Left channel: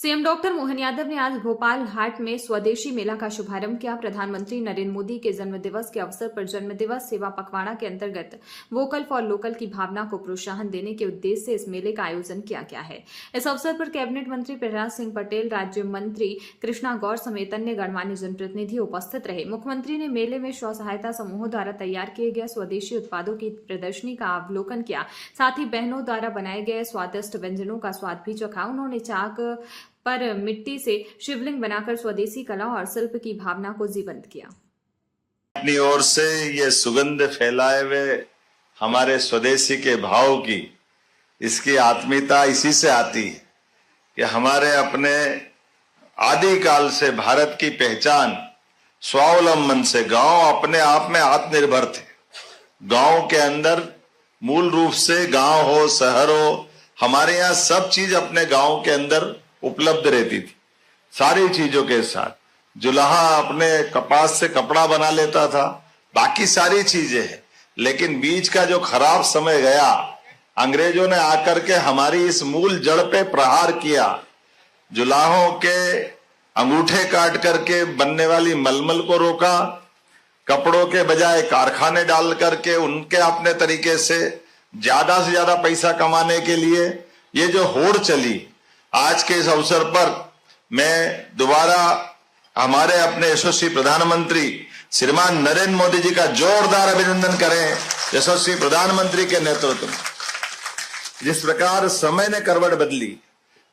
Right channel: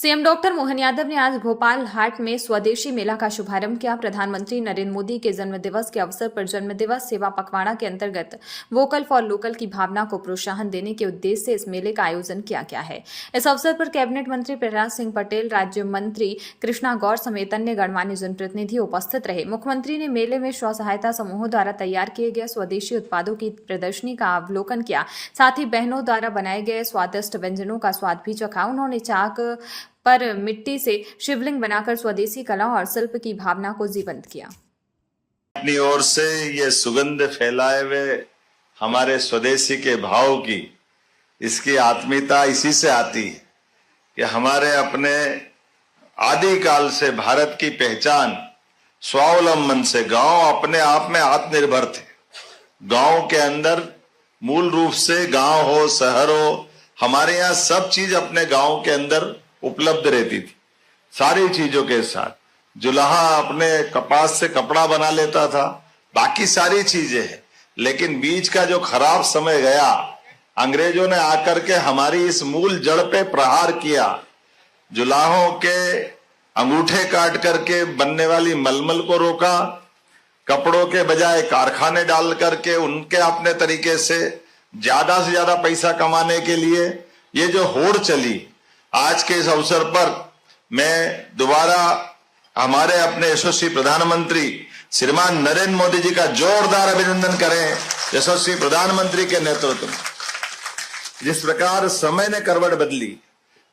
CM doctor Mohan Yadav ने आज भोपाल हाट में स्वदेशी मेला का शुभारंभ किया। प्रधानमंत्री नरेंद्र मोदी के जन्मदिवस के अवसर पर जन्मदिवस सेवा पखवाड़ा के अंतर्गत वोकल फॉर लोकल की भावना को प्रोत्साहन देने के उद्देश्य से इस मेले का आयोजन किया गया है। इस अवसर पर कैबिनेट मंत्री प्रहलाद सिंह पटेल, राज्य मंत्री कृष्णा गौर समेत अन्य गणमान्य जनप्रतिनिधि उपस्थित रहे। मुख्यमंत्री ने मेले में स्व सहायता समूहों द्वारा तैयार किए गए स्वदेशी उत्पादों की प्रदर्शनी का अवलोकन किया। साथ ही बहनों द्वारा बनाए गए स्वादिष्ट व्यंजनों का स्वाद भी चखा। उन्होंने चाक पर मिट्टी से शिवलिंग बनाकर स्वदेशी कला और शिल्प की भावना को जीवंत किया। अपनी ओर से ये सुगंध फैलाए हुए हमारे स्वदेशी के भाव की, इसकी आत्मीयता इसी से आती है कि हमारे अपने आदिकाल से भारत की पहचान स्वावलंबन से गांव अपने आप में आत्मनिर्भर थे। गांव के अंदर मूल रूप से गांव हो शहर हो, हमारे यहाँ सब चीज अपने गांव के अंदर उपलब्ध रहती थी। सारी चीजों के साथ जुलाहा अपने कपास से कपड़ा बना लेता था, बाकी सारी चीजें हैं। लेकिन बीच का जो खराब समय गया, अंग्रेजों ने आकर के हमारी इस मूल जड़ पे प्रहार किया। जुलाहों के अंगूठे काट करके बनने वाली मलमल को रोका, कपड़ों के बजाय कारखाने डाल करके उनके अपने तरीके से ज्यादा पैसा कमाने के लिए ये जो होड़ चली, आज के इस अवसर पर मैं दोबारा हमारे अपने यशस्वी प्रधानमंत्री श्रीमान नरेंद्र मोदी जी का जोरदार अभिनंदन करें। यशस्वी प्रधानमंत्री के नेतृत्व में जिस प्रकार समय ने करवट बदली,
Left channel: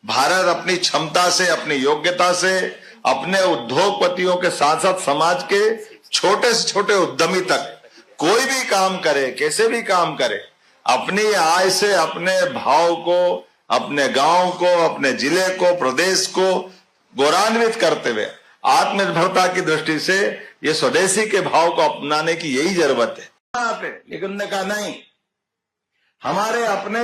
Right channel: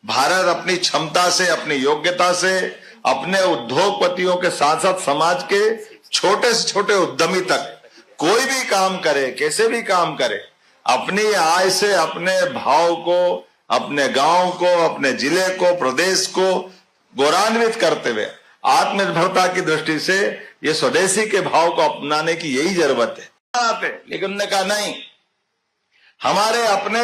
भारत अपनी क्षमता से, अपनी योग्यता से, अपने उद्योगपतियों के साथ साथ समाज के छोटे से छोटे उद्यमी तक कोई भी काम करे, कैसे भी काम करे, अपनी आय से अपने भाव को, अपने गांव को, अपने जिले को, प्रदेश को गौरवान्वित करते हुए आत्मनिर्भरता की दृष्टि से ये स्वदेशी के भाव को अपनाने की यही जरूरत है। लेकिन उन्होंने कहा नहीं, हमारे अपने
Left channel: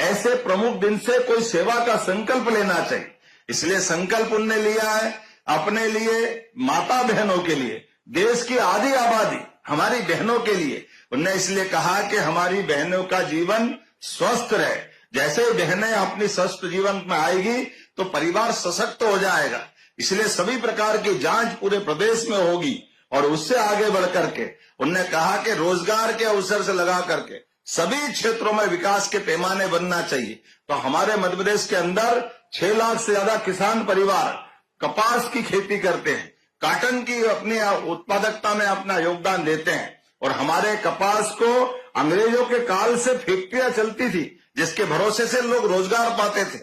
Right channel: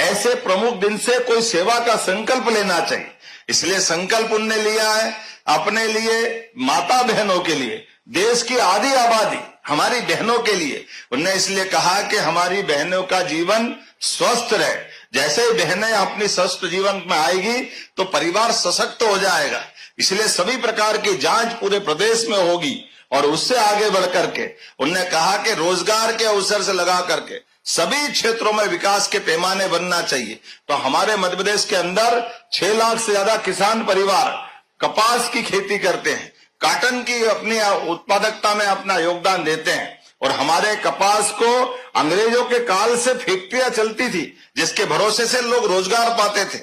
ऐसे प्रमुख दिन से कोई सेवा का संकल्प लेना चाहिए। इसलिए संकल्प उनने लिया है अपने लिए, माता बहनों के लिए, देश की आधी आबादी हमारी बहनों के लिए। उन्होंने इसलिए कहा कि हमारी बहनों का जीवन स्वस्थ रहे। जैसे ही बहनें अपनी स्वस्थ जीवन में आएगी तो परिवार सशक्त हो जाएगा। इसलिए सभी प्रकार की जांच पूरे प्रदेश में होगी और उससे आगे बढ़ करके उन्होंने कहा कि रोजगार के अवसर से लगा करके सभी क्षेत्रों में विकास के पैमाने बनना चाहिए। तो हमारे मध्य प्रदेश के अंदर 6 लाख से ज्यादा किसान परिवार कपास की खेती करते हैं, कॉटन की अपनी उत्पादकता में अपना योगदान देते हैं। और हमारे कपास को अंग्रेजों के काल से फैक्ट्रियां चलती थी जिसके भरोसे से लोग रोजगार पाते थे।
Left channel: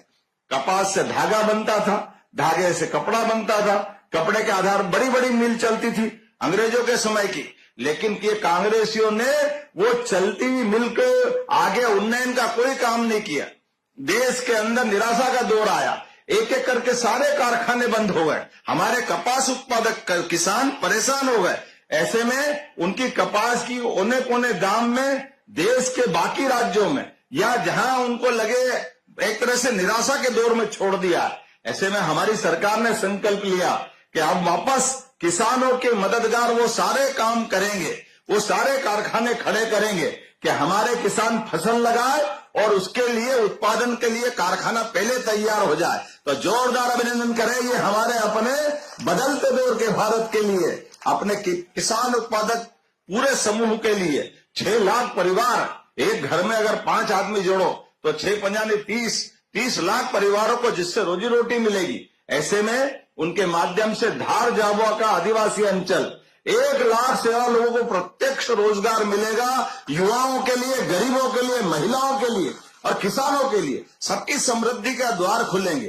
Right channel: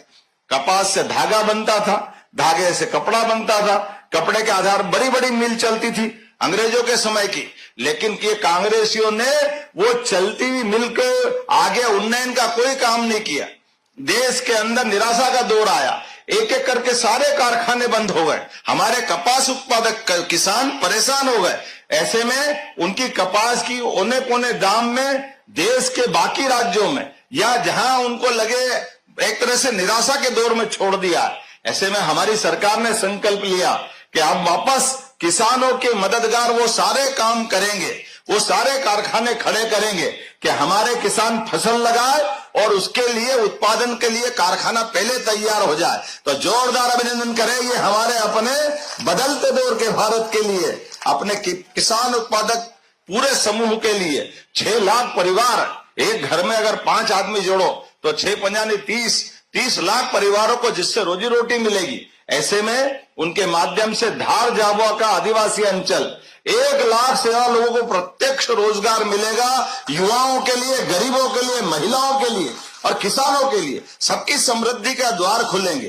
कपास से धागा बनता था, धागे से कपड़ा बनता था, कपड़े के आधार बड़ी बड़ी मिल चलती थी अंग्रेजों के समय की। लेकिन ये कांग्रेसियों ने वो चलती हुई मिल के आगे उन्नयन का कोई काम नहीं किया। देश के अंदर निराशा का दौर आया, एक एक करके सारे कारखाने बंद हो गए, हमारे कपास उत्पादक किसान परेशान हो गए। ऐसे में उनकी कपास की औने पौने दाम में देश के बाकी राज्यों में या जहां उनको लगे एक तरह से निराशा के दौर में छोड़ दिया। ऐसे में हमारी सरकार ने संकल्प लिया कि अब वापस किसानों के मददगार वो सारे काम करेंगे, वो सारे कारखाने खड़े करेंगे कि हमारे किसान फसल लगाए और उसके लिए उत्पादन के लिए कारखाना पहले तैयार हो जाए। तो जोरदार अभिनंदन करें ये हमारे अपने बदलते दौर के भारत के लिए, अपने किसान उत्पादक पूरे समूह के लिए। 6 लाख परिवार, एक घर में अगर 5 आदमी जोड़ो तो 6 पंजानी 30 लाख परिवारों को जिससे रोजी रोटी मिलेगी। ऐसे में उनके माध्यम से धार झाबुआ का आदिवासी अंचल 1 लाख से ज्यादा लोगों को प्रत्यक्ष रोजगार मिलेगा। युवाओं के लिए, गरीबों के लिए, महिलाओं के लिए और किसानों के लिए सबकी समृद्धि के द्वार खुलेंगे।